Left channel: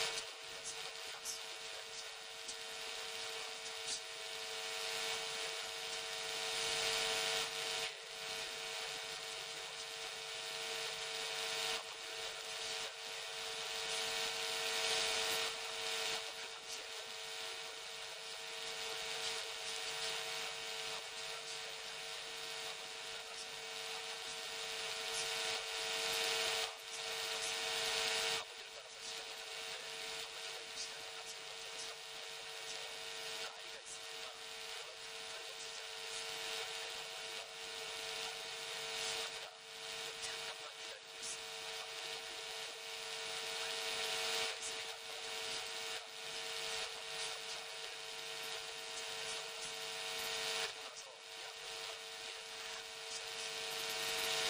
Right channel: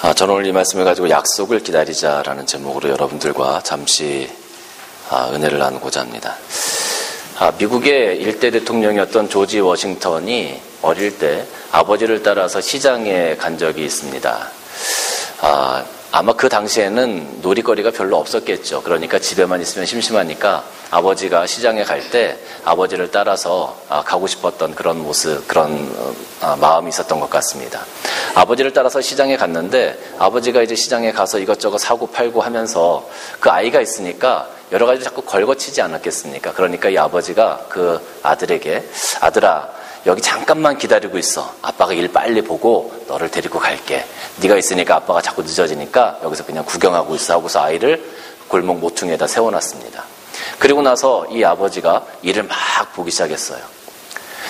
저는 오늘 이 말씀을 가지고 약속을 기다리자라는 제목으로 여러분들과 잠시 은혜를 나누고자 합니다. 미국의 일대 대통령이었던 조지 워싱턴이 어릴 때 아버지를 따라서 시장에 간 적이 있습니다. 아마 그 당시에는 놀이거리가 별로 없었겠죠. 그러니까 집에만 있으면 심심하니까 아버지가 시장에 갈 때 아버지를 따라서 가고 싶었던 그런 모습, 그런 마음이 있었던 것 같습니다. 아버지를 따라서 시장에 갔는데 아버지가 이제 시장에 가서 이것저것 사고 팔고 하면서 그 아이가 있으니까 여러 가지 자꾸 걸거치지 않았겠습니까? 그러니까 이 아버지가 그 아들에게, 아들아, 여기 잠깐만 기다리고 있어. 아빠가 일 빨리 보고 너를 데리고 갈게. 네가 있으니까 아빠가 자꾸 늦어지니까 여기서 그냥 구경하고 있어 하고서 아이를 골목 모퉁이에다 세워놨습니다. 그리고 나서 이 아버지가 일을 막 보기 시작했어요.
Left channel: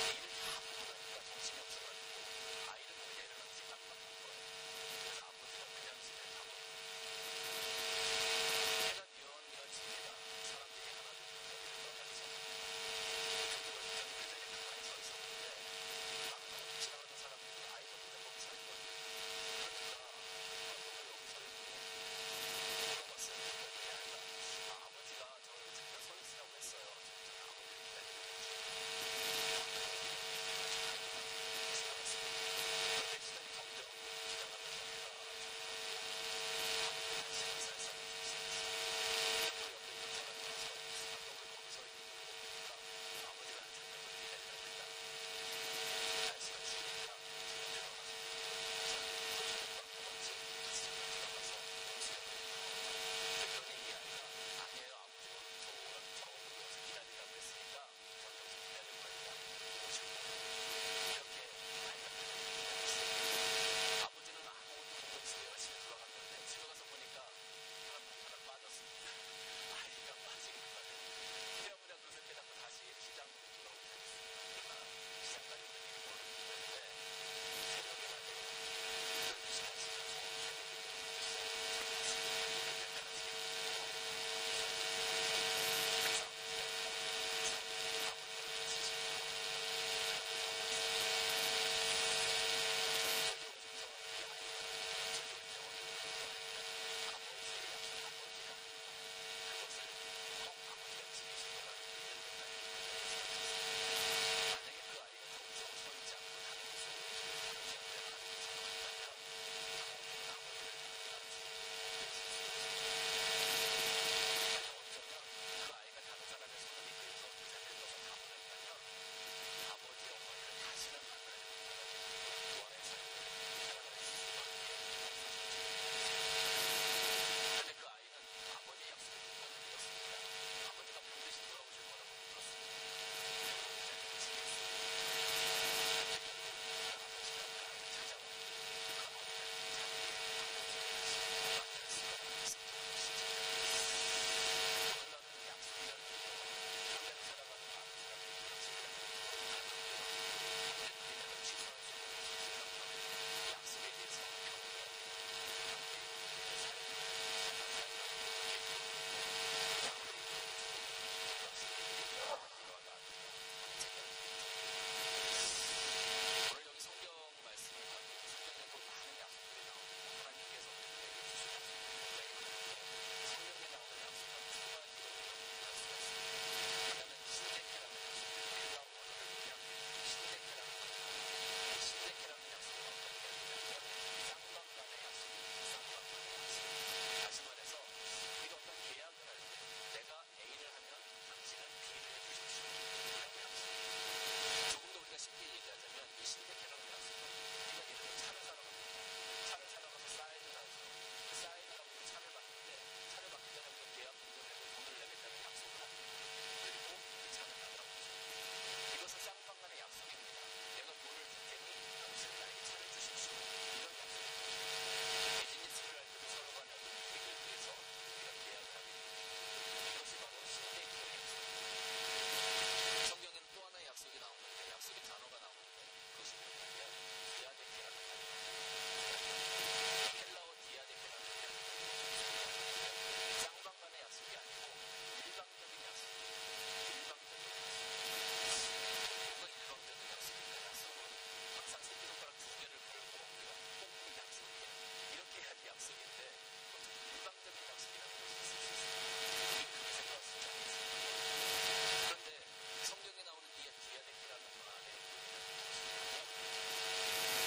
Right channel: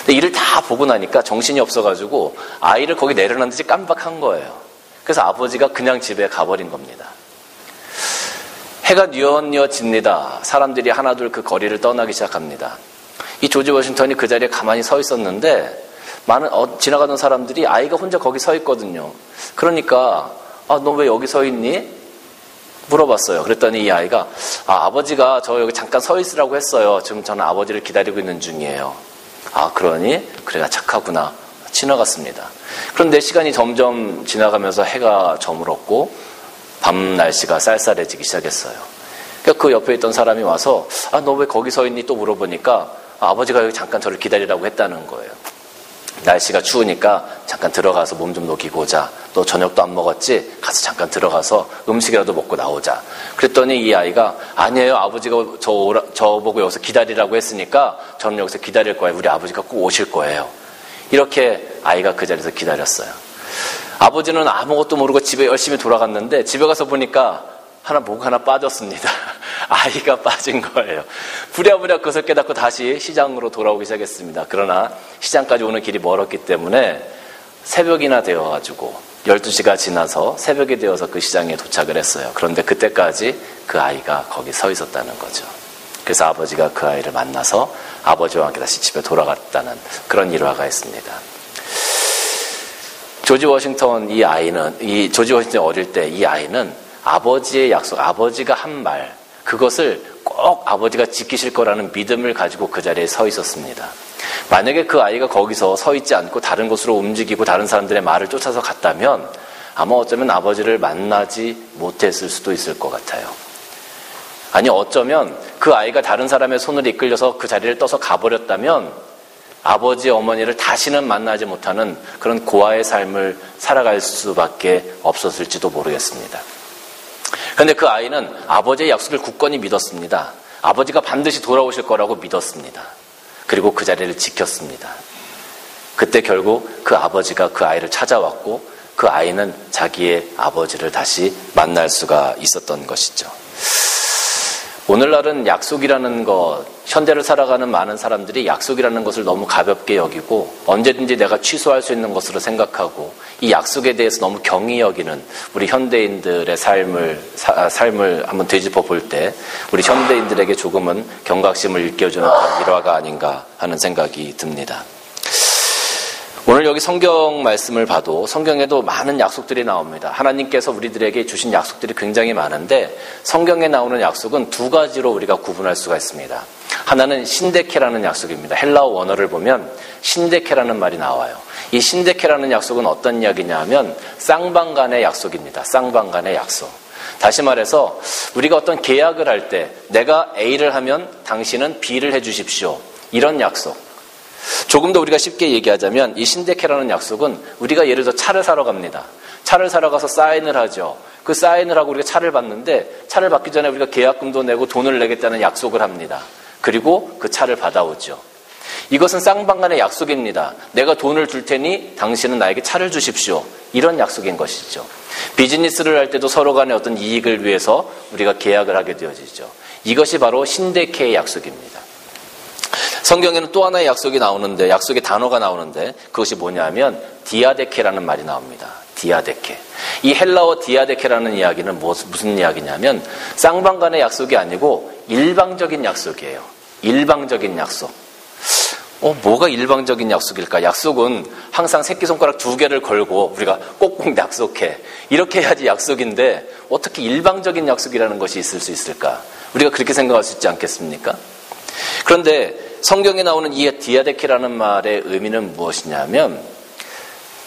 근데 일을 다 보고 나니까 정신이 없어가지고 아이를 거기 내려놨는지 깜빡한 거예요. 그래서 아버지가 그냥 집에 가버린 겁니다. 해가 뉘엿뉘엿집니다. 사람들이 하나둘 그 거리를 떠나기 시작합니다. 이 조지 워싱턴이 그 자리에 가만히 서 있었는데 지나가던 사람들이 아이가 혼자 거기 서 있거든요. 그러니까 너 왜 여기 서 있니? 물어봤어요. 그랬더니 이 아이가 아버지가 저 여기 잠깐 서 있으라고 했어요. 지금 저는 아버지를 기다리고 있는 중이에요. 그러니? 그래, 나 착하구나. 지나갔습니다. 그런데 시간이 점점 지나가면서 해가 저물었고 밤 날씨가 쌀쌀해지기 시작했어요. 그러니까 그 옆에 있던 사람이 와서 너 왜 거기 서 있니? 또 물어보니까 아버지가 여기 잠깐 저를 기다리라고 했다는 거예요. 날씨가 추우니까 잠깐 들어가서 몸 좀 녹이고 오자. 너 저녁도 안 먹었지? 가서 잠깐 들어가서 음식이라도 먹고 나오자. 그랬더니 이 아이가 아니에요. 아버지가 저보고 여기서 기다리라고 했으니까 저는 여기서 기다릴 거예요. 우리 아버지가 꼭 오실 거예요. 이렇게 아이가 그 자리에서 기다렸어요. 아버지는 아무것도 모르고 집에 열심히 돌아갔는데 집에 가서 보니까 목 하나 빠졌습니다. 아이가 빠진 거예요. 부랴부랴 그것을 깨닫고 다시 시장으로 돌아오기 시작했습니다. 그러나 시장까지 오는 길이 멀었기 때문에 새벽이나 되어가지고 12시가 지나서 새벽이 되어서 그 시장에 도착을 했어요. 그런데 그때까지 그 아이가 거기 서 있었다는 거죠. 그래서 아버지가 그 아이를 만나서 아버지와 함께 다시 집에 돌아갔다는 그런 일화가 있습니다. 조지 워싱턴 조지 워싱턴이 어릴 때 이 아이는 아버지의 약속, 아버지가 한 말, 그것을 꼭 아버지가 지키실 거라는 믿음을 가지고 그 자리에 서 있었습니다. 만약에 그 아이가 거기서 서 있지 않고 다른 곳으로 움직이고 다른 사람들의 말을 쫓아서 갔다면 아마 어쩌면 아버지를 만나지 못했을 수도 있을 것 같아요. 아니, 어쩌면 그 아이가 다른 사람의 손을 이끌려서 그 자리를 떠서 가버렸다면 아버지, 어머니를 다시는 만나지 못하는 그런 고아의 삶을 살아갈 수밖에 없었을지도 모르겠습니다. 그런데 그 아이는 아버지의 약속을 굳건히 믿었습니다. 아버지가 반드시 돌아오실 거라고 믿었습니다. 그리고 그 자리를 지켰습니다. 그때 결국 그 아버지가 그 아이를 찾아왔고 그 아이는 자기의 아버지를 다시 만날 수가 있었던 것이죠. 오늘날은 약속이라는 것, 현대를 살아가는 많은 사람들이 약속이라는 것을 너무 가볍게 여기고 언제든지 내가 취소할 수 있는 것으로 생각하고 이 약속에 대해서 너무 경히 여기는 우리 현대인들의 삶을 한번 되짚어 볼 때 우리 현대인들에게 조금은 경각심을 일깨워주는 그런 일화가 아닌가 하는 생각이 듭니다. 오늘 여기 성경 말씀을 봐도 성경에도 많은 약속들이 나옵니다. 하나님께서 우리들에게 주신 약속들이 굉장히 많은데 성경에 나오는 약속은 두 가지로 우리가 구분할 수가 있습니다. 하나는 신데케라는 약속입니다. 헬라어 원어를 보면 신데케라는 말이 나와요. 이 신데케라는 약속은 어떤 이야기냐 하면 쌍방간의 약속입니다. 쌍방간의 약속. 다시 말해서 우리가 어떤 계약을 할 때 내가 A를 하면 당신은 B를 해주십시오. 이런 약속. 조금 더 우리가 쉽게 얘기하자면 이 신데케라는 약속은 우리가 예를 들어 차를 사러 갑니다. 차를 사러 가서 사인을 하죠. 그 사인을 하고 우리가 차를 받는데 차를 받기 전에 우리가 계약금도 내고 돈을 내겠다는 약속을 합니다. 그리고 그 차를 받아오죠. 이것은 쌍방간의 약속입니다. 내가 돈을 줄 테니 당신은 나에게 차를 주십시오. 이런 약속인 것이죠. 비즈니스를 할 때도 서로 간의 어떤 이익을 위해서 우리가 계약을 하게 되어지죠. 이것이 바로 신데케의 약속입니다. 성경에는 또 하나의 약속의 단어가 나오는데 그것이 뭐냐면 디아데케라는 말이 나옵니다. 디아데케. 이 헬라어 디아데케라는 이야기는 무슨 이야기냐면 쌍방간의 약속이 아니고 일방적인 약속이에요. 일방적인 약속. 뭐가 일방적인 약속일까? 약속은 항상 새끼손가락 2개를 걸고 우리가 꼭꼭 약속해. 이렇게 해야지 약속인데 어떻게 일방적인 약속이라는 것이 있을 수 있을까? 우리가 그렇게 생각할 수 있지 않겠습니까? 그런데 성경에 나오는 이 디아데케라는 말의 의미는 무엇이냐면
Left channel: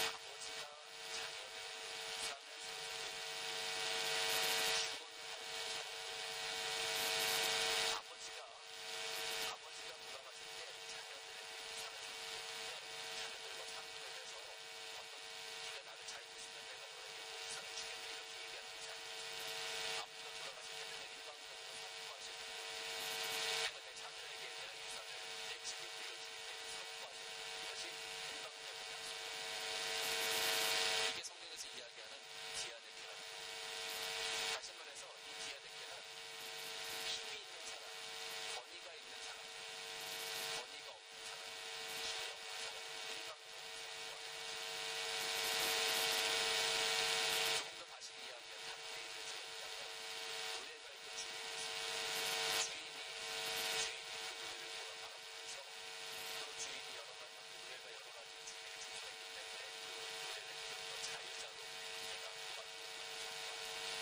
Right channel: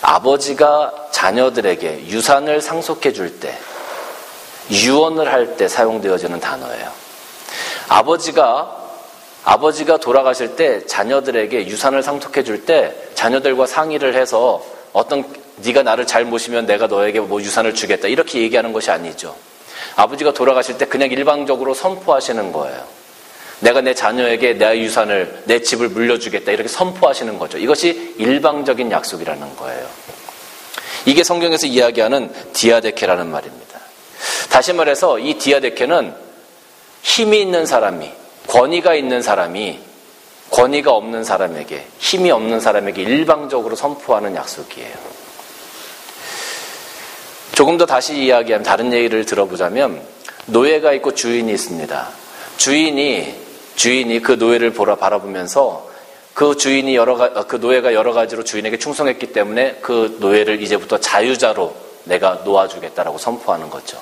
아버지가 자녀들에게 유산을 상속해 줄 때, 유언을 할 때 사용되어지는 단어예요. 아버지가 돌아가실 때 자녀들에게 유산을 상속해 줄 때 자녀들과 상의를 해서 네가 나를 잘 모시면 내가 너에게 유산을 주겠다 이렇게 얘기하는 것이 아니죠. 아버지가 돌아가실 때 그냥 일방적으로 선포하시는 거예요. 내가 내 자녀에게 내 유산을, 내 집을 물려주겠다 이렇게 선포하시는 거죠. 이것이 일방적인 약속이라는 거예요. 이게 성경에서 이야기하는 디아데케라는 말입니다. 다시 말해서 이 디아데케는 힘이 있는 사람이, 권위가 있는 사람이 권위가 없는 사람에게, 힘이 없는 사람에게 일방적으로 선포하는 약속이에요. 조금 더 다시 이야기하면, 다른 얘기를 들어보자면 노예가 있고 주인이 있습니다. 주인이 그 노예를 바라보면서 그 노예가 여러 가지로 주인에게 충성했기 때문에 그 노예를 이제부터 자유자로 내가 놓아주겠다라고 선포하는 거죠.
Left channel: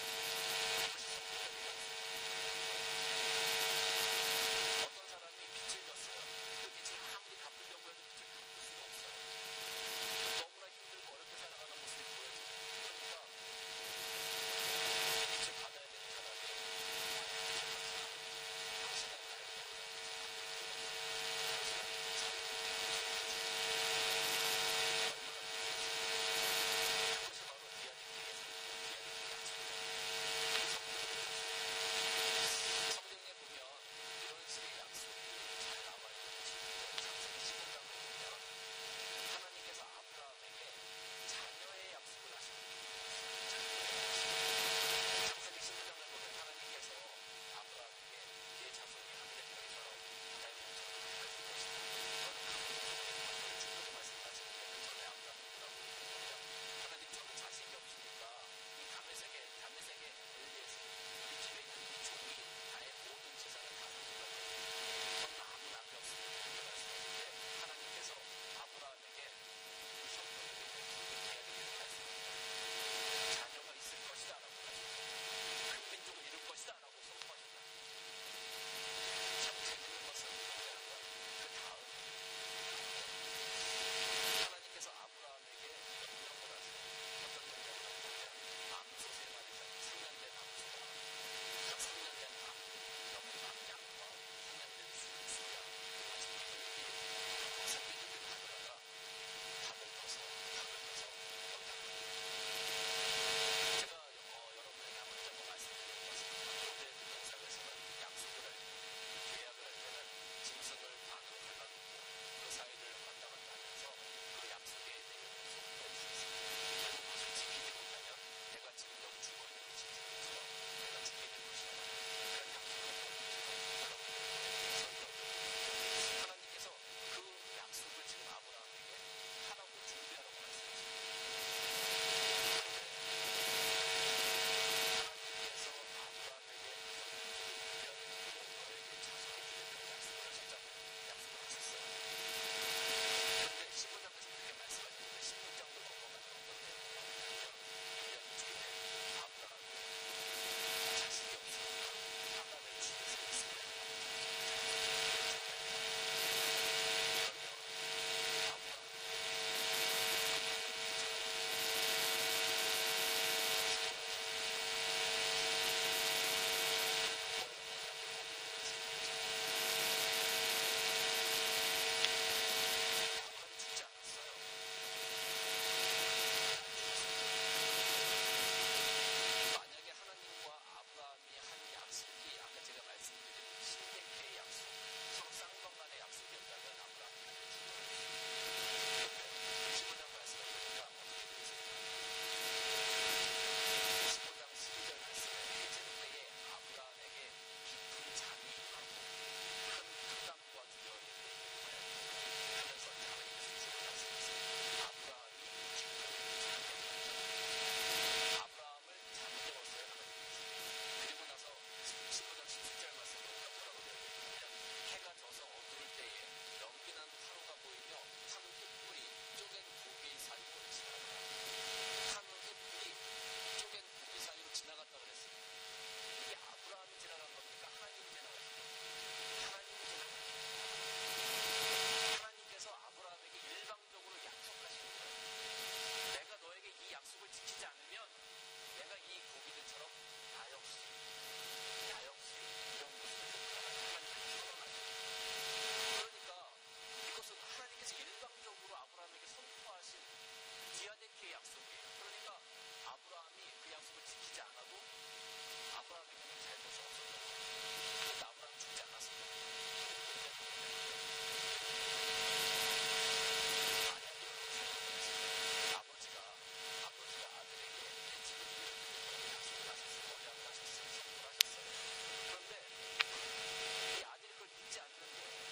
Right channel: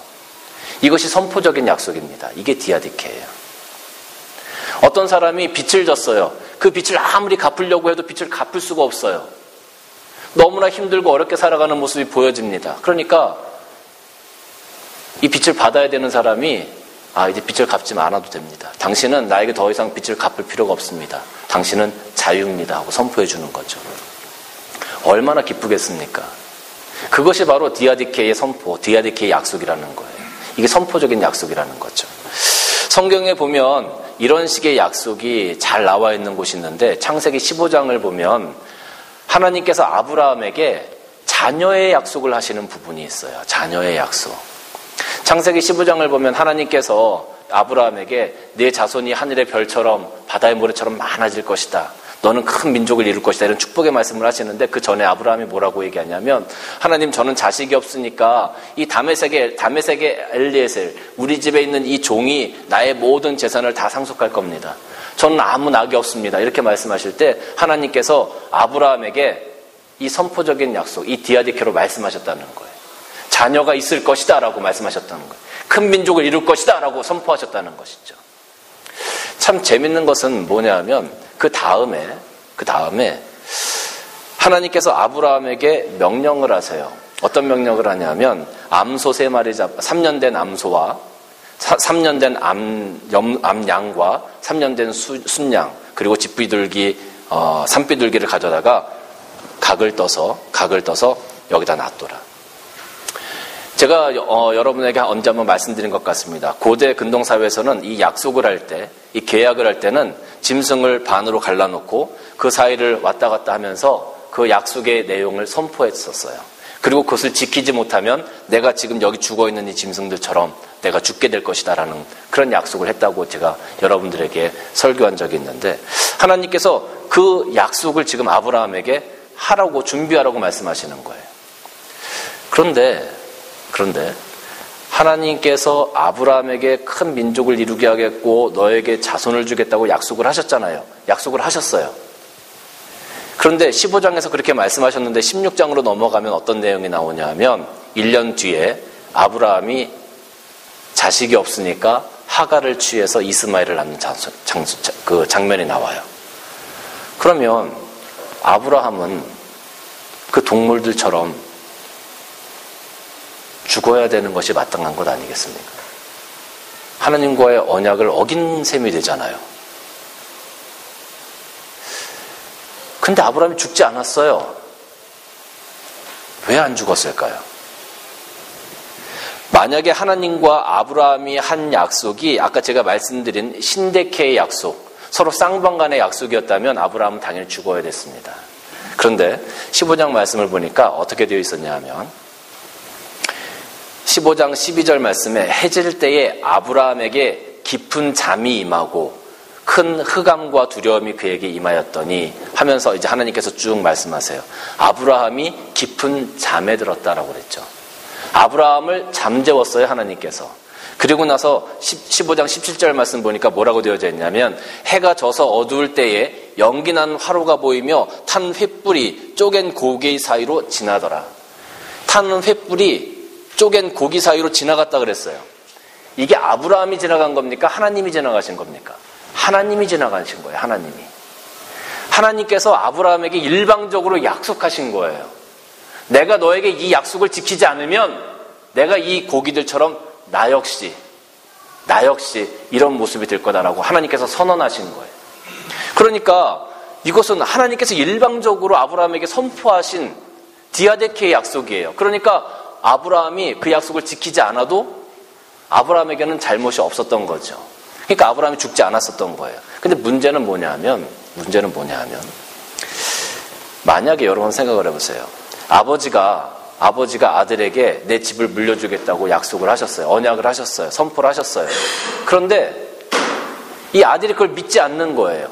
이것이 선포적인 약속입니다. 이게 디아데케예요. 어떤 사람이 빚을 졌어요. 그 빚을 아무리 갚으려고 해도 빚을 갚을 수가 없어요. 너무나 힘들고 어렵게 살아가는 모습이 보여집니다. 그러니까 이 빚을 받아야 되는 사람이 이제 빚을 갚지 않아도 됩니다. 당신은 나에게 더 이상 빚을 갚을 필요가 없습니다. 당신은 자유입니다 하고 선포해 주는 거죠. 얼마나 기쁘겠습니까? 그것이 바로 디아데케의 선포, 디아데케의 약속이라는 거예요. 이게 선포적인 약속이라는 거죠. 성경에 보면 이런 식의 약속이 잘 나와 있는 곳이 있는데 창세기 15장을 보면 하나님께서 아브라함에게 자녀의 약속을 하시는 부분이 있어요. 자녀의 약속. 창세기 15장을 보면 하나님께서 아브라함에게 네 자손이 하늘의 별처럼 바다의 모래처럼 많아질 것이다. 너는 큰 민족을 이룰 것이다. 이런 축복의 말씀을 하시는데 그 전에 아브라함이 뭐라고 얘기하냐면 하나님 저는 자식이 없으니까 이 다메섹의 엘리에셀 우리 집에 있는 이 종이 나의 모든 재산을 다 상속할 겁니다. 저는 아무 낙이 없습니다. 이렇게 말씀하실 때 하나님께서 아브라함에게 이 선포적인 약속, 이 디아데케로 말씀하셨다는 거예요. 자녀가 있을 것이다 라고 말씀하셨다는 거예요. 큰 민족을 이룰 것이다 라고 선포하셨다는 것이죠. 참 재밌는 것은 뭐냐면 그 다음에 하나님께서 아브라함에게 명령을 하세요. 어떤 명령을 하냐면 암소 3마리 3년 된 암소와 3년 된 암양과 3년 된 순양 그리고 집비둘기 산비둘기를 가져다가 각을 떠서 여기다 놔둬라. 제가 여러분에게 언제 한번 말씀드린 것 같습니다. 고대 근동사회에서는 이 약속을 할 때, 이 계약을 할 때는 짐승을 반으로 갈라놓고 그 사이를 왔다 갔다 하면서 그 약속의 내용을 선포했었어요. 그리고 그것을 지키지 못하면 내가 지금 여기 죽어있는 이 짐승들처럼 내가 죽게 될 것이다라는 그런 약속을 했다고 제가 여러분들에게 설교한 적이 있는데 하나님께서 그 약속을 지금 아브라함에게 하라고 준비하라고 말씀하시는 거예요. 그런데 하나님께서 아브라함에게 큰 민족을 이루게 하겠고 너에게 자손을 주겠다고 약속을 하셨잖아요. 약속을 하셨어요. 그런데 15장에서 그렇게 말씀하셨는데 16장으로 넘어가면 어떤 내용이 나오냐 하면 1년 뒤에 아브라함이 자식이 없으니까 하갈을 취해서 이스마엘을 낳는 그 장면이 나와요. 그러면 아브라함은 그 동물들처럼 죽어야 되는 것이 마땅한 것 아니겠습니까? 하나님과의 언약을 어긴 셈이 되잖아요. 근데 아브라함이 죽지 않았어요. 왜 안 죽었을까요? 만약에 하나님과 아브라함이 한 약속이 아까 제가 말씀드린 신데케의 약속, 서로 쌍방간의 약속이었다면 아브라함은 당연히 죽어야 됐습니다. 그런데 15장 말씀을 보니까 어떻게 되어 있었냐 하면 15장 12절 말씀에 해질 때에 아브라함에게 깊은 잠이 임하고 큰 흑암과 두려움이 그에게 임하였더니 하면서 이제 하나님께서 쭉 말씀하세요. 아브라함이 깊은 잠에 들었다라고 그랬죠. 아브라함을 잠재웠어요, 하나님께서. 그리고 나서 15장 17절 말씀 보니까 뭐라고 되어져 있냐면 해가 져서 어두울 때에 연기난 화로가 보이며 탄 횃불이 쪼갠 고기 사이로 지나더라. 타는 횃불이 쪼갠 고기 사이로 지나갔다 그랬어요. 이게 아브라함이 지나간 겁니까? 하나님이 지나가신 겁니까? 하나님이 지나가신 거예요. 하나님께서 아브라함에게 일방적으로 약속하신 거예요. 내가 너에게 이 약속을 지키지 않으면 내가 이 고기들처럼 나 역시 이런 모습이 될 거다라고 하나님께서 선언하신 거예요. 그러니까 이것은 하나님께서 일방적으로 아브라함에게 선포하신 디아데케의 약속이에요. 그러니까 아브라함이 그 약속을 지키지 않아도 아브라함에게는 잘못이 없었던 거죠. 그러니까 아브라함이 죽지 않았었던 거예요. 근데 문제는 뭐냐면 만약에 여러분 생각을 해보세요. 아버지가 아들에게 내 집을 물려주겠다고 약속을 하셨어요. 언약을 하셨어요. 선포를 하셨어요. 그런데 이 아들이 그걸 믿지 않는 거예요.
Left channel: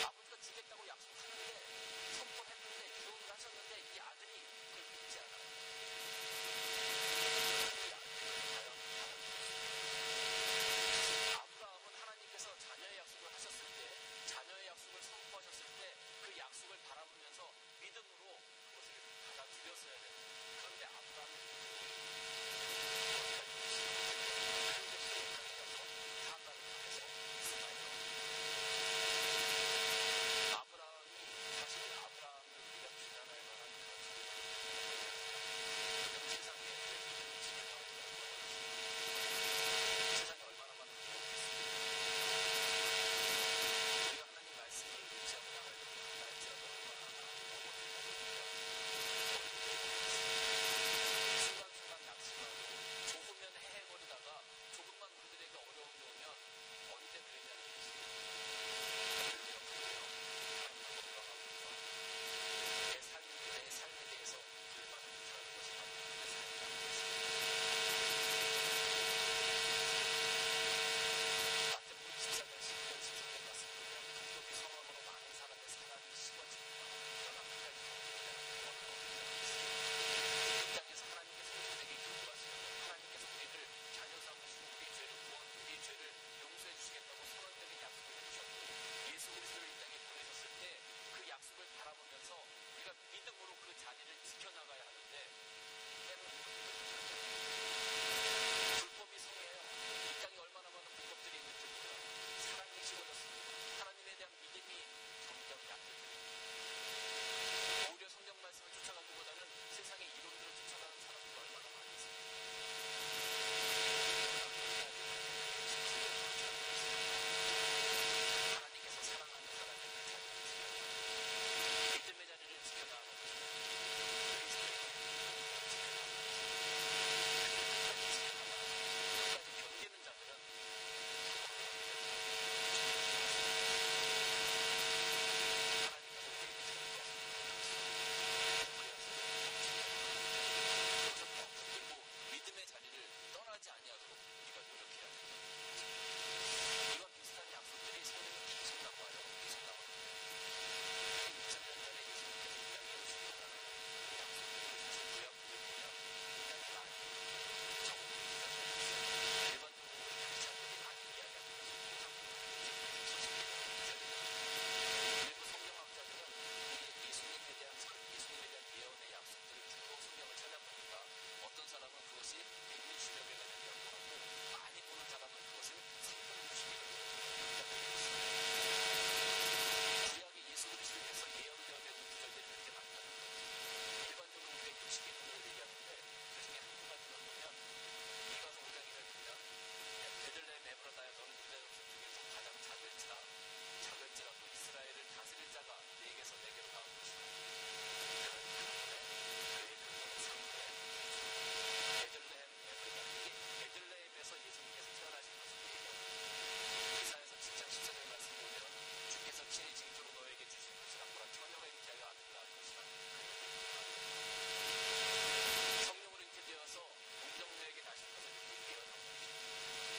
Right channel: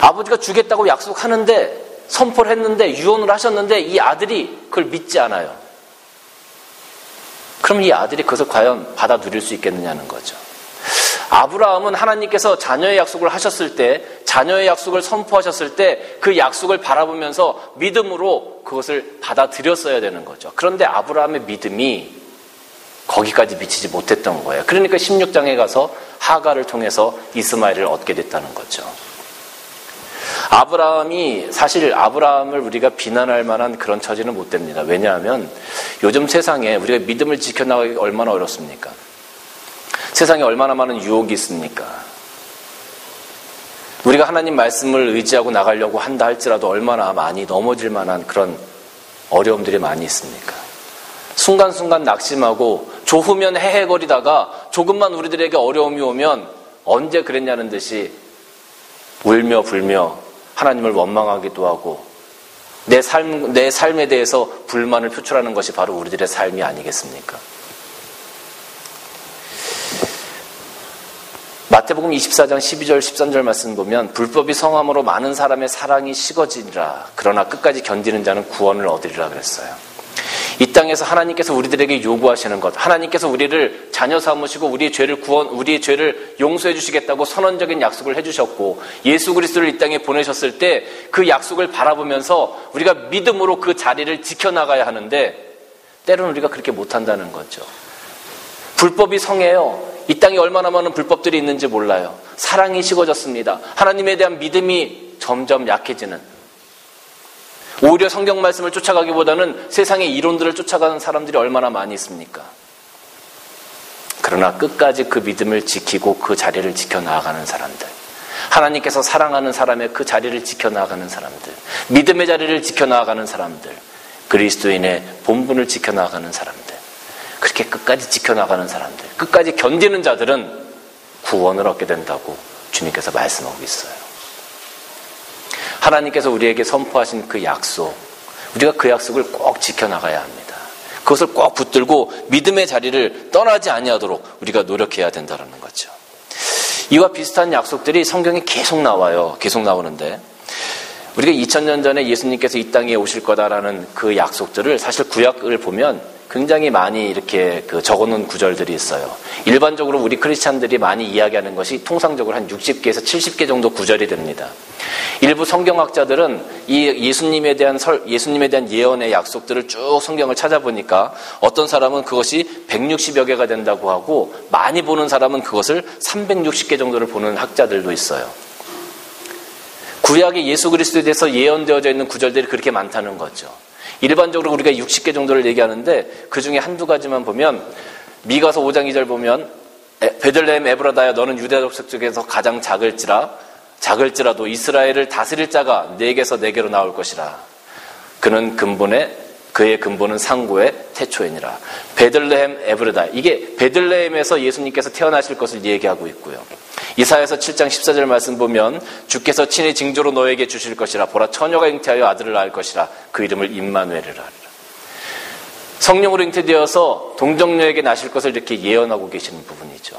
아버지가 주겠다고 약속하는데 선포를 했는데 유언을 하셨는데 이 아들이 그걸 믿지 않아요. 그럼 이 아들이 그것을 과연 받아 누릴 수 있겠느냐는 거죠. 아브라함은 하나님께서 자녀의 약속을 하셨을 때, 자녀의 약속을 선포하셨을 때 그 약속을 바라보면서 믿음으로 그것을 받아들였어야 되는 거죠. 그런데 아브라함의 믿음이 거기까지 미치지 못했던 거예요. 그러니까 16장에 가서 하가를 통해서 이스마엘을 얻게 됐다는 거죠. 사실 아브라함을 우리가 비난할 만한 그런 처지는 못 됩니다. 왜냐하면 요즘 세상에 우리가 믿음을 지켜나가기 얼마나 어렵습니까? 세상에 얼마나 많은 유혹이 있습니까? 우리가 하나님 말씀을 의지하고 나가려고 한다 할지라도 얼마나 많이 넘어질 만한 그런 어려움들이 많이 있습니까? 순간순간 낙심하고 조으면 헤헤거리다가 조금만 우리들에게 어려움이 오면 언제 그랬냐는 듯이 울며 불며 하나님을 원망하기도 하고 내 삶에 대해서 불만을 표출하는 것이 바로 우리들의 삶이 아니겠습니까? 마태복음 24장 12절 13절 말씀 보면 불법이 성함으로 많은 사람의 사랑이 식어지리라. 그러나 끝까지 견디는 자는 구원을 얻으리라 그랬어요. 이 땅에서 하나님께서 우리들에게 요구하시는 것, 하나님께서 우리를 자녀 삼으시고 우리의 죄를 용서해 주시겠다고 선언적인 약속을 해주셨고 예수 그리스도를 이 땅에 보내셨을 때 그 약속을 바라보면서 우리가 믿음으로 그 자리를 지켜나가야 하는데 때로는 우리가 그렇게 못한다는 거죠. 불법이 성해요. 이 땅에 얼마나 많은 불법들이 있는지 몰라요. 사랑이 식어졌습니다. 하나님에 대한 믿음이 점점 약해지는, 오히려 성경 말씀을 쫓아가기보다는 세상의 이론들을 쫓아가는 사람들이 얼마나 많이 있습니까? 그러나 끝까지 그 믿음을 지키고 그 자리를 지켜나가는 사람들, 하나님께서 사랑하는 사람의 그 자리를 지켜나가는 사람들, 믿음의 자리를 지켜나가는 사람들, 그리스도인의 본분을 지켜나가는 사람들, 그렇게 끝까지 지켜나가는 사람들, 끝까지 견디는 자들은 구원을 얻게 된다고 주님께서 말씀하고 있어요. 하나님께서 우리에게 선포하신 그 약속, 우리가 그 약속을 꼭 지켜나가야 합니다. 그것을 꼭 붙들고 믿음의 자리를 떠나지 아니하도록 우리가 노력해야 된다는 거죠. 이와 비슷한 약속들이 성경에 계속 나와요. 계속 나오는데 우리가 2000년 전에 예수님께서 이 땅에 오실 거다라는 그 약속들을 사실 구약을 보면 굉장히 많이 이렇게 적어놓은 구절들이 있어요. 일반적으로 우리 크리스찬들이 많이 이야기하는 것이 통상적으로 한 60개에서 70개 정도 구절이 됩니다. 일부 성경학자들은 이 예수님에 대한 예언의 약속들을 쭉 성경을 찾아보니까 어떤 사람은 그것이 160여 개가 된다고 하고 많이 보는 사람은 그것을 360개 정도를 보는 학자들도 있어요. 구약의 예수 그리스도에 대해서 예언되어져 있는 구절들이 그렇게 많다는 거죠. 일반적으로 우리가 60개 정도를 얘기하는데 그 중에 한두 가지만 보면 미가서 5장 2절 보면 베들레헴 에브라다야 너는 유다 족속 중에서 가장 작을지라도 이스라엘을 다스릴 자가 네게서 네게로 나올 것이라. 그의 근본은 상고의 태초이니라. 베들레헴 에브라다. 이게 베들레헴에서 예수님께서 태어나실 것을 얘기하고 있고요. 이사야서 7장 14절 말씀 보면 주께서 친히 징조로 너에게 주실 것이라. 보라 처녀가 잉태하여 아들을 낳을 것이라. 그 이름을 임마누엘이라. 성령으로 잉태되어서 동정녀에게 나실 것을 이렇게 예언하고 계시는 부분이죠.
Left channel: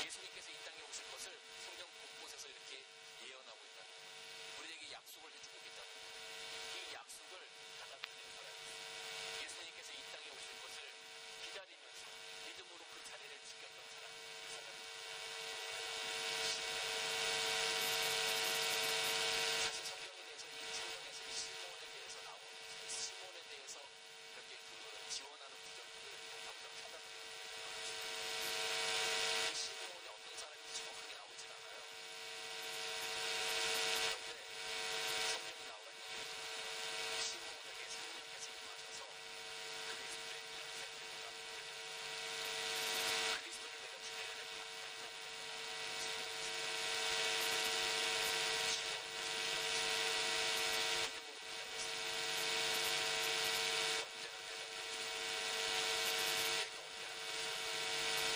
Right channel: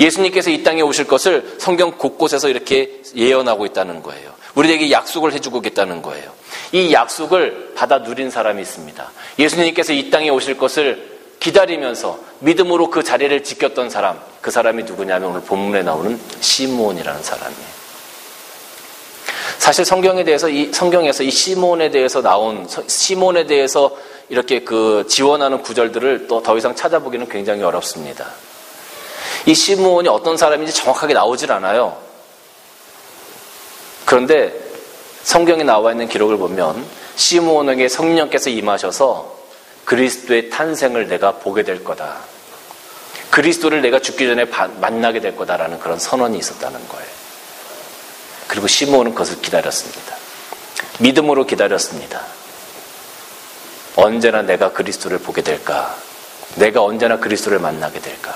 예수님께서 이 땅에 오실 것을 성경 곳곳에서 이렇게 예언하고 있다는 거예요. 우리에게 약속을 해주고 있다는 거예요. 이 약속을 받아 누린 사람이 있습니다. 예수님께서 이 땅에 오실 것을 기다리면서 믿음으로 그 자리를 지켰던 사람, 그 사람이 누구냐면 오늘 본문에 나오는 시므온이라는 사람이에요. 사실 성경에서 이 시므온에 대해서 이렇게 그 지원하는 구절들을 또 더 이상 찾아보기는 굉장히 어렵습니다. 이 시므온이 어떤 사람인지 정확하게 나오질 않아요. 그런데 성경에 나와 있는 기록을 보면 시므온에게 성령께서 임하셔서 그리스도의 탄생을 내가 보게 될 거다. 그리스도를 내가 죽기 전에 만나게 될 거다라는 그런 선언이 있었다는 거예요. 그리고 시므온은 그것을 기다렸습니다. 믿음으로 기다렸습니다. 언제나 내가 그리스도를 보게 될까? 내가 언제나 그리스도를 만나게 될까?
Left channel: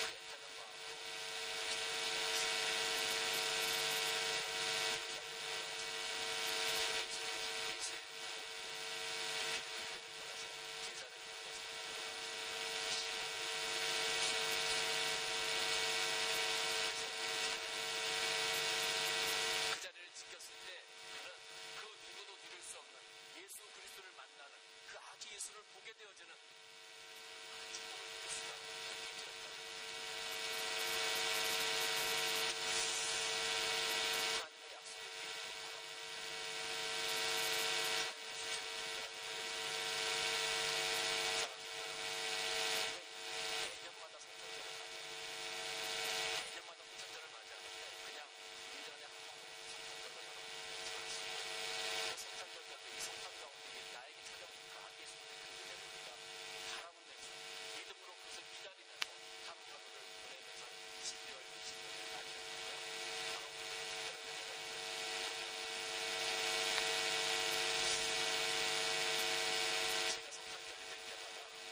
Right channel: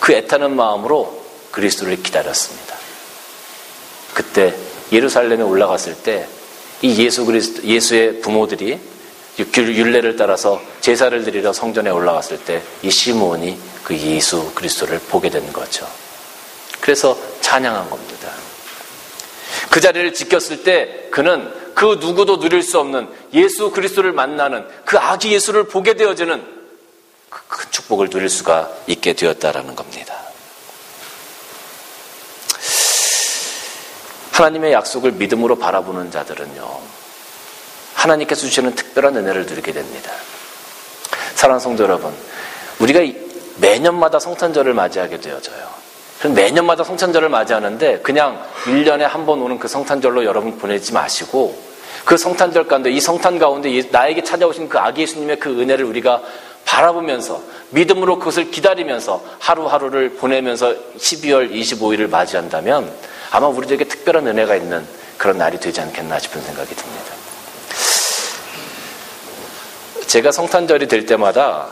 그 애타는 마음으로 그리스도를 기다렸습니다. 그때 예루살렘에 올라갔을 때 이 예수의 부모들이 율례를 따라서 제사를 드리러 성전에 올라갔을 때 이 시므온이 그 예수 그리스도를 보게 된 거죠. 그래서 찬양한 겁니다. 그 자리를 지켰을 때 그는 그 누구도 누릴 수 없는 예수 그리스도를 만나는 그 아기 예수를 보게 되어지는 그 큰 축복을 누릴 수가 있게 되었다라는 겁니다. 하나님의 약속을 믿음으로 바라보는 자들은요, 하나님께서 주시는 특별한 은혜를 누리게 됩니다. 사랑하는 성도 여러분, 우리가 매년마다 성탄절을 맞이하게 되어져요. 그럼 매년마다 성탄절을 맞이하는데 그냥 1년에 한 번 오는 그 성탄절로 여러분 보내지 마시고 그 성탄절 가운데, 이 성탄 가운데 나에게 찾아오신 그 아기 예수님의 그 은혜를 우리가 바라보면서 믿음으로 그것을 기다리면서 하루하루를 보내면서 12월 25일을 맞이한다면 아마 우리들에게 특별한 은혜가 있는 그런 날이 되지 않겠나 싶은 생각이 듭니다. 제가 성탄절이 될 때마다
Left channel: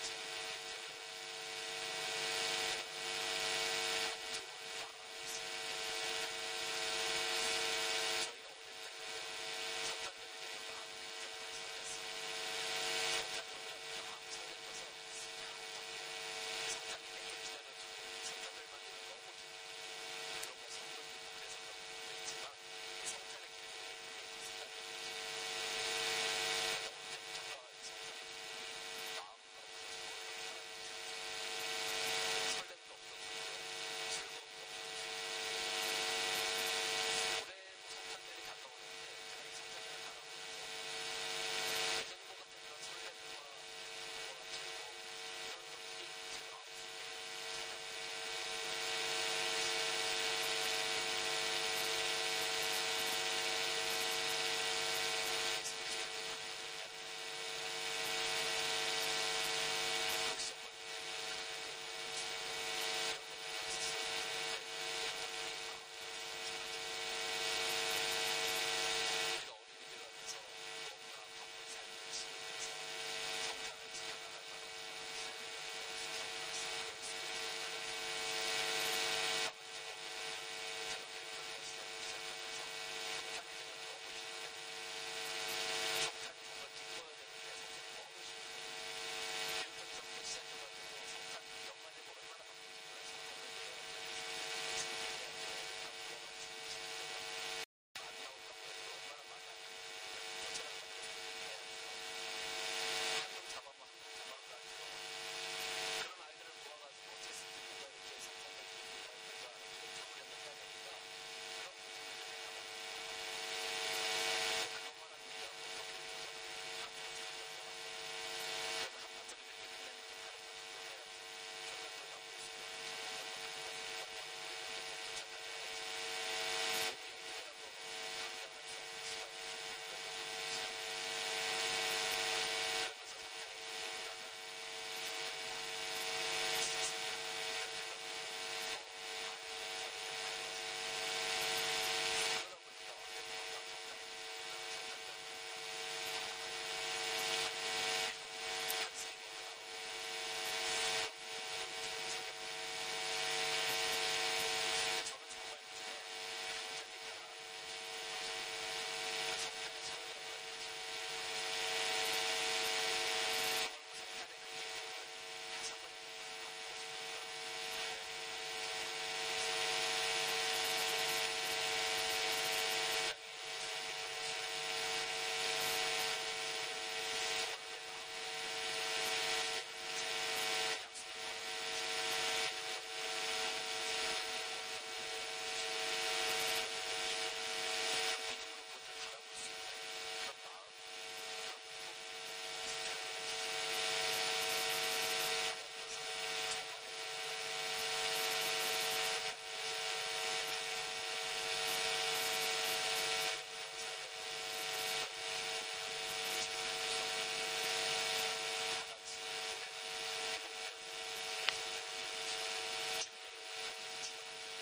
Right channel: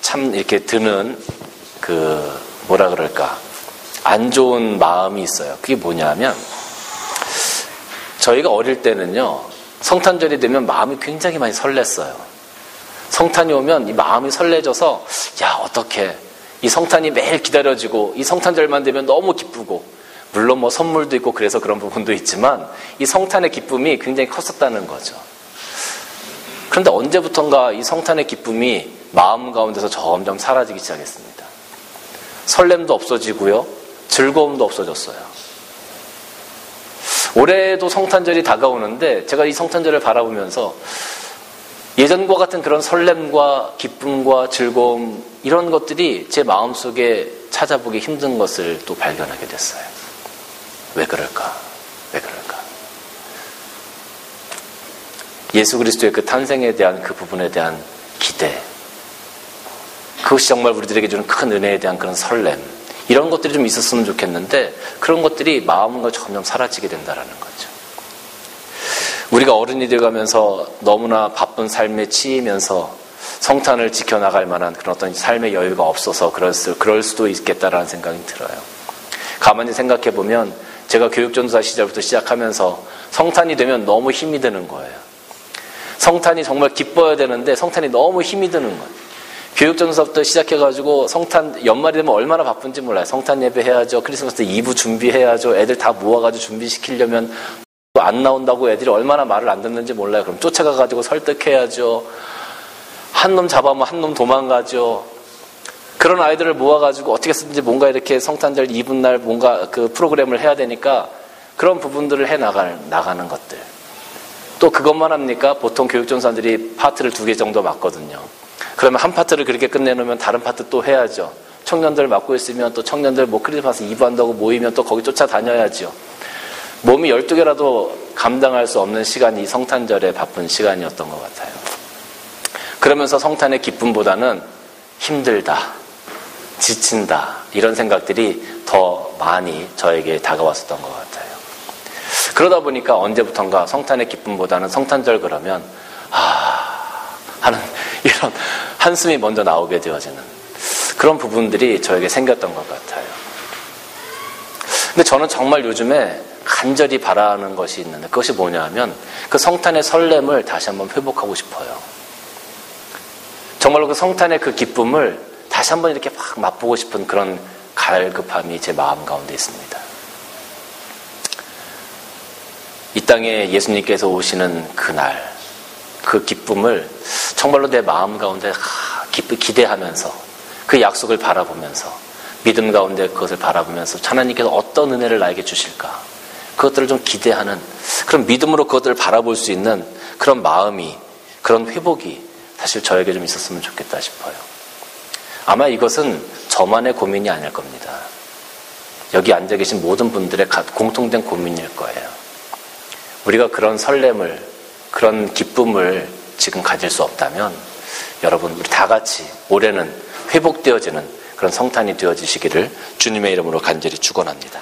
참 이렇게 드는 뭐라 그럴까, 안 좋은 마음이 있어요. 그게 뭐냐면 저희가 어릴 때는요, 성탄절이 되면 마음이 굉장히 많이 설렜어요. 성탄이 오면 이 마음이 설레져서 어떡해, 이 성탄이 매일 기다려지고 이 성탄절만 되면 너무 기쁘고, 물론 뭐 선물도 있고 그래서 그런 부분도 있지만 이 성탄의 기쁨이 굉장히 컸었다는 거죠. 그런데 언제부턴가 이 성탄의 기쁨이 마음 가운데서 점점 사라지기 시작했습니다. 설렘도 없어지고요, 즐거움도 없어졌어요. 올해도 성탄절이 다가오는데 제가 이 성탄절을 바라보면서 예전과 같은 그런 설렘과 기쁨과 즐거움, 이런 것들이 제 마음속에 찾아보기 힘든 것을 또 발견하게 됐어요. 왜 그럴까? 예수 그리스도의 그 탄생에 대한 그 부분에 대한 기대, 그것이 정말 우리들에게 주는 큰 은혜에 대한 그런 설렘, 이런 것들이 좀 있었으면 좋겠는데 그런 것들이 마음과 점점 사라지게 된다는 거죠. 우리가 어른이 되어가면서 너무나 바쁜 삶에 치이면서 성탄을 지켜나갈 만한 그런 어떤 삶의 여유가 없어서 그럴 수도 있겠다라는 생각이 들어요. 가만히 생각해보면 제가 교육전도사 시절부터 시작하면서 성탄이 되면 너무 힘이 드는 거예요. 성탄이 정말 기뻐야 되는데 성탄이 너무 힘이 드는 거예요. 교육전도사부터 시작해가지고 성탄 연말이 되면 얼마나 바쁜지 몰라요. 성탄 예배 해야죠. 크리스마스 때 2부 준비해야죠. 애들 다 모아가지고 준비시키려면 또 안 나온다고 애들이 얼마나 말을 안 듣는지 몰라요. 그럼 쫓아가가지고 설득해야죠. 한 놈 잡아오면 한 놈 도망가죠. 그런 아이들을 모아가지고 어떻게 쓰든지 뭔가 이렇게 성탄절 이브날 뭔가 그 프로그램을 해야 되니까 그런 부분들을 나가는 것들. 또 그것만 합니까? 보통 교육전사들이 파트를 2개 정도 맡거든요. 그러면 한 파트를 그렇게 끝내놓으면 다른 파트 또 해야죠. 청년들 맡고 있으면 또 청년들 크리스마스 이브 한다고 모이면 또 거기 쫓아다녀야죠. 몸이 12개라도 감당할 수 없는 시간이 성탄절에 바쁜 시간이었던 것 같아요. 그러면서 성탄의 기쁨보다는 힘들다, 지친다, 이런 생각들이 더 많이 저에게 다가왔었던 것 같아요. 그러다 보니까 언제부턴가 성탄의 기쁨보다는 성탄절 그러면 하는 이런 한숨이 먼저 나오게 되어지는 그런 부분들이 저에게 생겼던 것 같아요. 근데 저는 정말 요즘에 간절히 바라는 것이 있는데 그것이 뭐냐 하면 그 성탄의 설렘을 다시 한번 회복하고 싶어요. 정말로 그 성탄의 그 기쁨을 다시 한번 이렇게 막 맛보고 싶은 그런 갈급함이 제 마음 가운데 있습니다. 이 땅에 예수님께서 오시는 그날, 그 기쁨을 정말로 내 마음 가운데 기대하면서 그 약속을 바라보면서 믿음 가운데 그것을 바라보면서 하나님께서 어떤 은혜를 나에게 주실까, 그것들을 좀 기대하는 그런 믿음으로 그것들을 바라볼 수 있는 그런 마음이, 그런 회복이 사실 저에게 좀 있었으면 좋겠다 싶어요. 아마 이것은 저만의 고민이 아닐 겁니다. 여기 앉아 계신 모든 분들의 공통된 고민일 거예요. 우리가 그런 설렘을, 그런 기쁨을 지금 가질 수 없다면 여러분, 우리 다 같이 올해는 회복되어지는 그런 성탄이 되어지시기를 주님의 이름으로 간절히 축원합니다.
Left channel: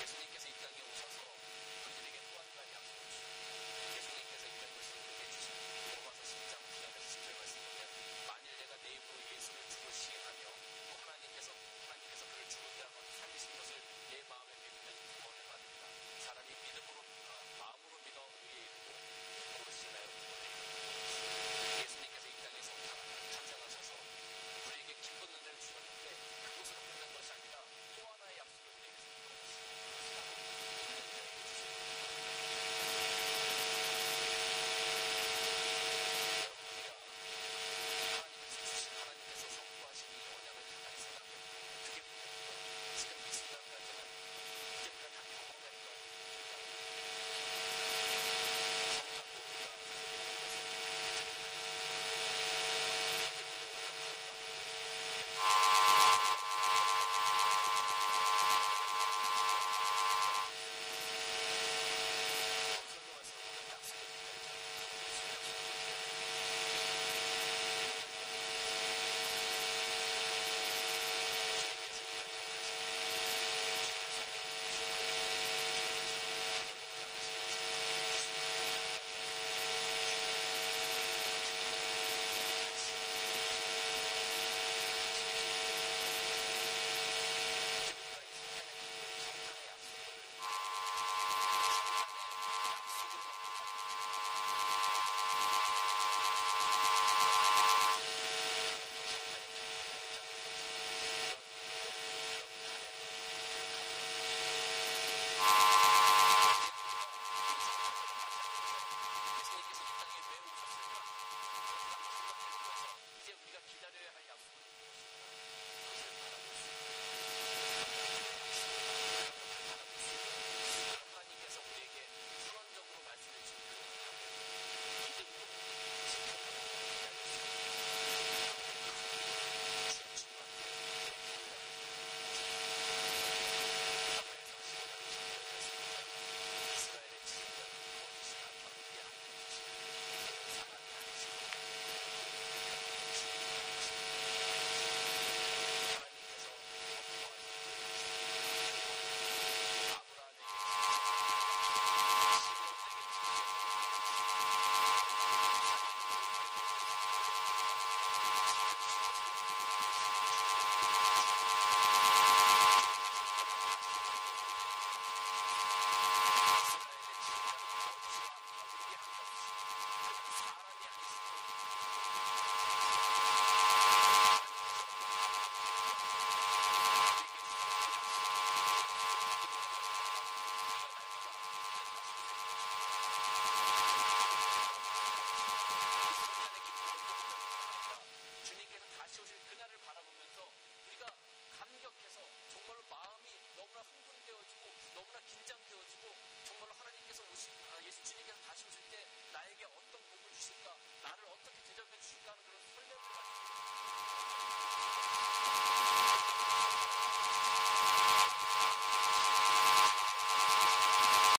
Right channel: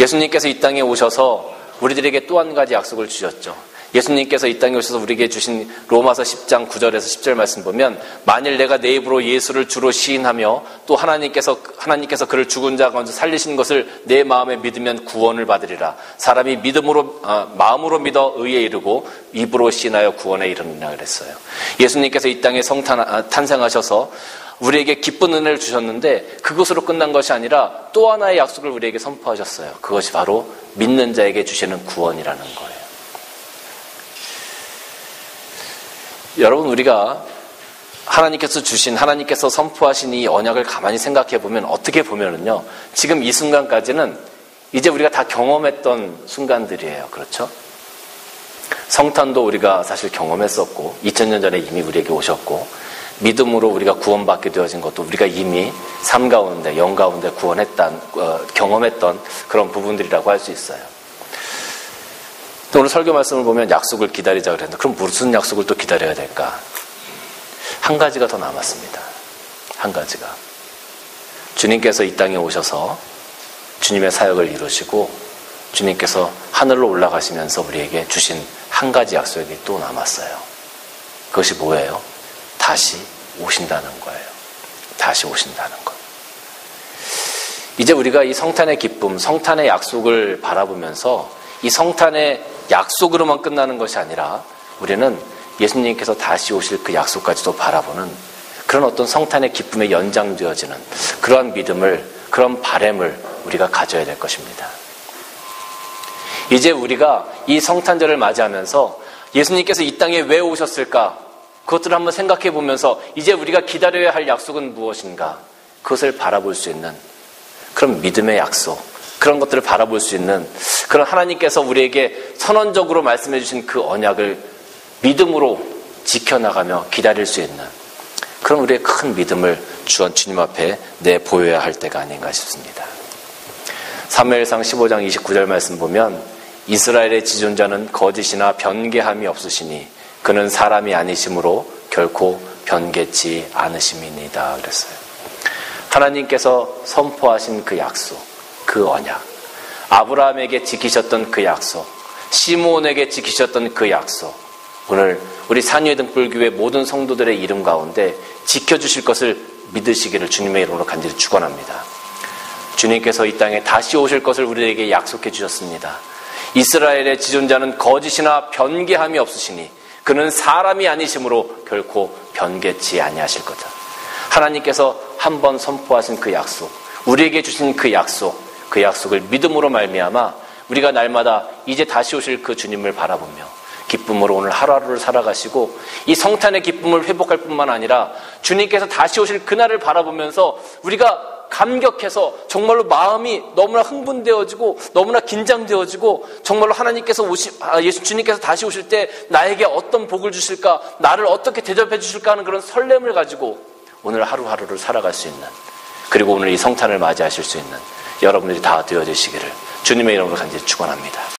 예수님께서 이 땅에 오셔서 우리들에게 또 한 가지 약속을 주셨죠. 예수님께서 이 땅에 오셔서 우리에게 주신 로마서 10장 9절에서 10절 말씀 보면, 만일 내가 내 입으로 예수를 주로 시인하며 또 하나님께서 그를 죽은 자 가운데 살리신 것을 내 마음에 믿으면 구원을 받으리라. 사람이 마음으로 믿어 의에 이르고 입으로 시인하여 구원에 이르느니라 그랬어요. 예수님께서 이 땅에 탄생하셔서 우리에게 기쁜 은혜를 주셨는데 그것으로 끝난 것이 아니라 또 하나의 약속을 우리에게 선포하셨어요. 그것이 바로 믿는 자에게 주시는 구원이라는 거예요. 여러분, 우리가 하나님께서 선포하신 이 언약을 가만히 생각해 보면, 어떻게 보면은요, 지금 이 순간까지는 이제 우리가 다 경험했던 순간들이에요. 그렇죠? 성탄도 우리가 사실 경험했었고 2000년 전에 이미 우리에게 오셨고, 믿음으로 우리가 구원받게 되어진 것도 우리가 이미 삶 가운데, 영 가운데 경험했던 그런 부분들이라고 할 수 있어요. 오늘 설교 말씀을 보면 약속을 기다리자 그랬는데, 그럼 무슨 약속을 또 기다려야 될까? 한 가지가 더 남았습니다. 한 가지가. 주님께서 이 땅에 오셔서 주님의 사역을 이루시고 주님께서 하늘로 올라가시면서 우리에게 주신 한 가지 약속이 또 남았어요. 그것이 뭐예요? 다시 오신다는 거예요. 다시 오신다는 것. 이제 우리가 이 성탄의 기쁨, 성탄의 약속을 바라보면서 이 성탄의 약속으로만 끝나는 것이 아니라 우리는 예수님께서 다시 오실 그 약속까지도 바라보는 그런 어떤 성탄의 기쁨에 연장되어지는 그러한 믿음을, 그런 바람을 우리가 가져야 될 것입니다. 이제 우리가 이 성탄절을 맞이하면서 예수님께서 이 땅에 왜 오셨을까? 그것들을 한번 생각해 보면서 이제 우리가 기다려야 할 약속은 무엇인가? 그것을 바라볼 수 있는 그런 믿음의 약속, 그런 것들을 바라볼 수 있는 그런 하나님께서 우리에게 선언적으로 말씀해 주신 그 언약을 믿음으로 지켜나가며 기다릴 수 있는 그런 우리의 큰 믿음을 주님 앞에 내보여야 할 때가 아닌가 싶습니다. 사무엘상 15장 29절 말씀 보면, 이스라엘의 지존자는 거짓이나 변개함이 없으시니 그는 사람이 아니심으로 결코 변개치 않으심이니이다 그랬어요. 하나님께서 선포하신 그 약속, 그 언약, 아브라함에게 지키셨던 그 약속, 시므온에게 지키셨던 그 약속, 오늘 우리 산위의 등불교회 모든 성도들의 이름 가운데 지켜주실 것을 믿으시기를 주님의 이름으로 간절히 축원합니다. 주님께서 이 땅에 다시 오실 것을 우리에게 약속해 주셨습니다. 이스라엘의 지존자는 거짓이나 변개함이 없으시니 그는 사람이 아니심으로 결코 변개치 아니하실 거다. 하나님께서 한번 선포하신 그 약속, 우리에게 주신 그 약속을 믿음으로 말미암아 우리가 날마다 이제 다시 오실 그 주님을 바라보며 기쁨으로 오늘 하루하루를 살아가시고 이 성탄의 기쁨을 회복할 뿐만 아니라 주님께서 다시 오실 그날을 바라보면서 우리가 감격해서 정말로 마음이 너무나 흥분되어지고 너무나 긴장되어지고 정말로 주님께서 다시 오실 때 나에게 어떤 복을 주실까, 나를 어떻게 대접해 주실까 하는 그런 설렘을 가지고 오늘 하루하루를 살아갈 수 있는, 그리고 오늘 이 성탄을 맞이하실 수 있는 여러분들이 다 되어지시기를 주님의 이름으로 간절히 축원합니다.